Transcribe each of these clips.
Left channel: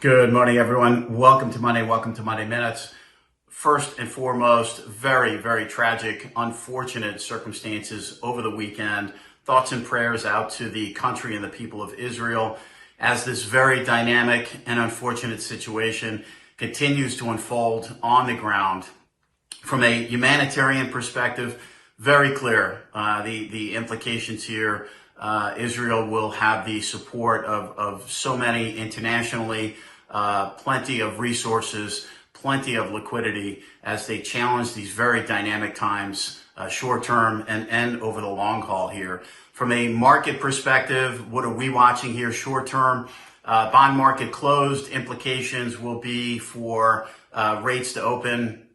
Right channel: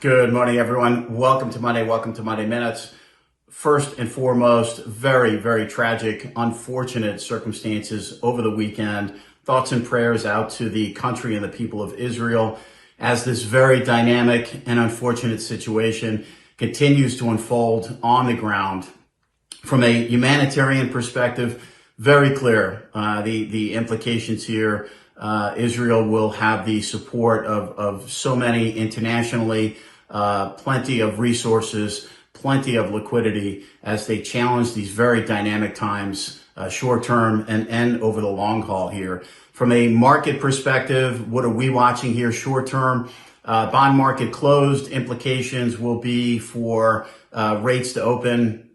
Good morning, everyone. Welcome to Monday Minutes. First and foremost, very, very tragic, unfortunate circumstances over the weekend. Thoughts and prayers out to the country and the people of Israel as this very dynamic and unfortunate situation continues to unfold on the ground. From a humanitarian perspective, very clear, the implications here. Israel will have the support of so many internationally, plenty of resources, plenty of liquidity as they challenge these very dynamic times, short term and over the long haul here. From a market perspective, what are we watching here short term? Bond market closed. Implications will be for rates to open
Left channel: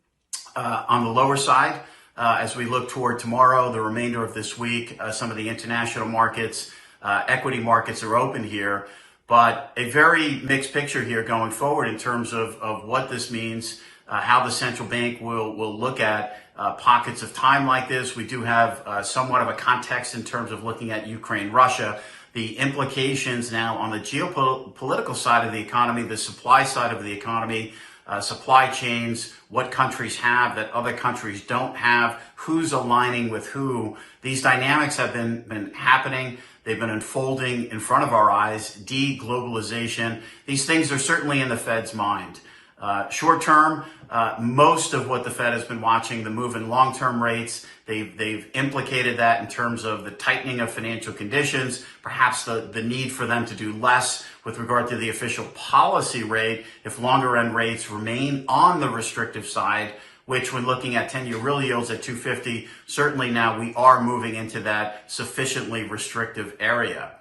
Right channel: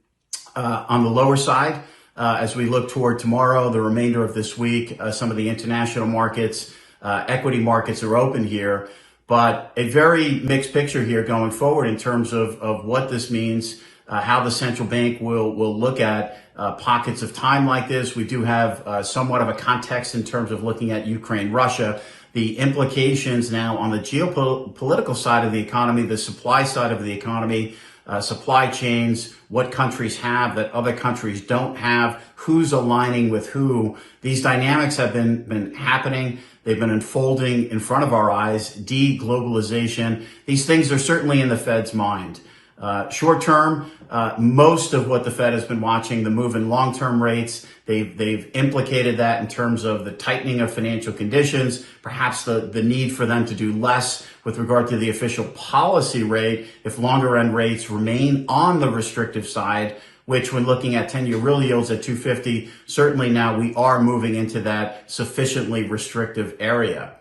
on the lower side. As we look toward tomorrow, the remainder of this week, some of the international markets, equity markets are open here, but a very mixed picture here going forward in terms of what this means, how the central bank will look at pockets of time like this. We do have somewhat of a context in terms of looking at Ukraine, Russia, the implications now on the geopolitical side of the economy, the supply side of the economy, supply chains, what countries have that other countries don't have, who's aligning with who. These dynamics have been happening. They've been unfolding in front of our eyes. De-globalization. These things are certainly in the Fed's mind. Short term, most of what the Fed has been watching, the move in long-term rates, they've implicated that in terms of the tightening of financial conditions, perhaps the need for them to do less with regard to the official policy rate if longer end rates remain on the restrictive side, which when looking at 10-year real yields at 250, certainly now we are moving into that sufficiently restrictive area.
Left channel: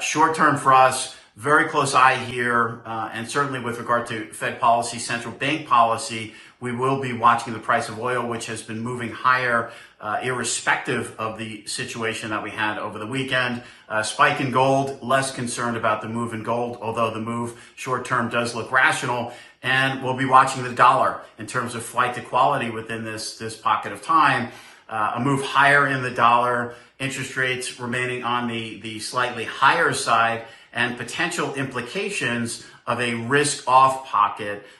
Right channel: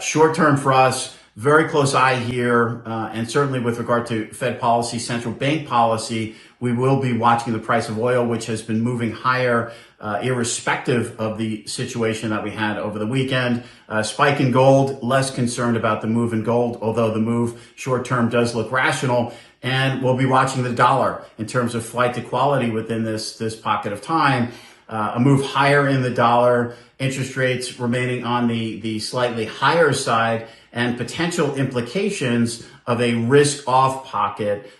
Short term for us, very close eye here, and certainly with regard to Fed policy, central bank policy, we will be watching the price of oil, which has been moving higher, irrespective of the situation that we had over the weekend. Spike in gold, less concerned about the move in gold, although the move short term does look rational. And we'll be watching the dollar in terms of flight to quality within this pocket of time. A move higher in the dollar, interest rates remaining on the slightly higher side, and potential implications of a risk-off pocket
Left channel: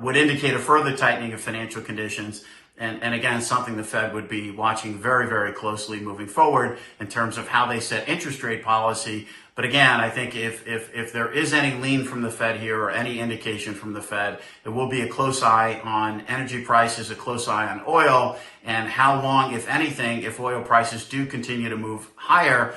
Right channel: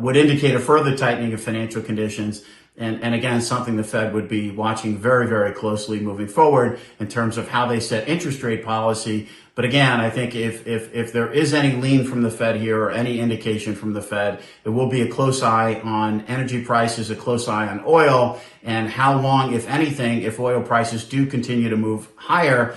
would indicate a further tightening of financial conditions. And again, something the Fed would be watching very, very closely moving forward in terms of how they set interest rate policy. But again, I think if there is any lean from the Fed here or any indication from the Fed, there will be a close eye on energy prices, a close eye on oil, and how long, if anything, if oil prices do continue to move higher,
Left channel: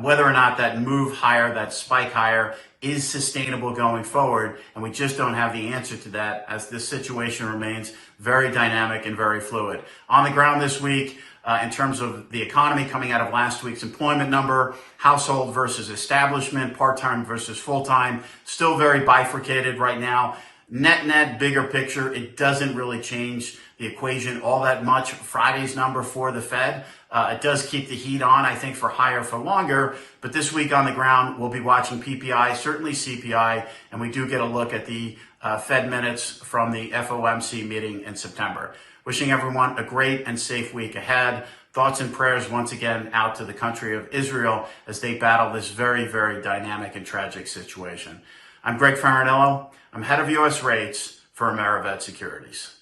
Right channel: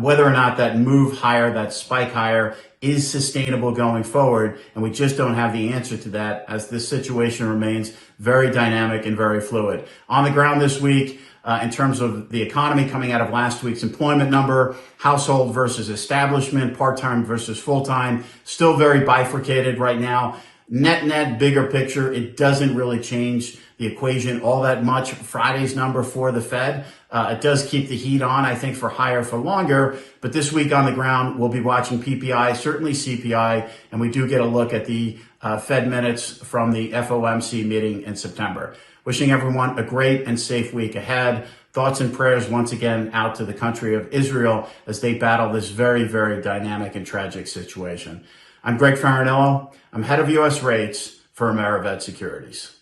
whether or not that move higher, that spike higher, is sustainable going forward. And we just don't have the answer to that as this situation remains very dynamic and very fluid. On the ground this week, in terms of the economy coming out of last week's employment number, household versus establishment, part-time versus full-time, still very bifurcated right now. Net, bigger picture, it doesn't really change the equation all that much. Friday's number for the Fed, it does keep the heat on, I think, for higher for longer. But this week on the ground, we'll be watching PPI, certainly CPI, and we do get a look at the Fed minutes from the FOMC meeting in September. Wishing everyone a great and safe week ahead. Thoughts and prayers once again out to the country of Israel as they battle this very, very dynamic and tragic situation. I'm Greg Faranello. I'm head of U.S. rates for AmeriVet Securities.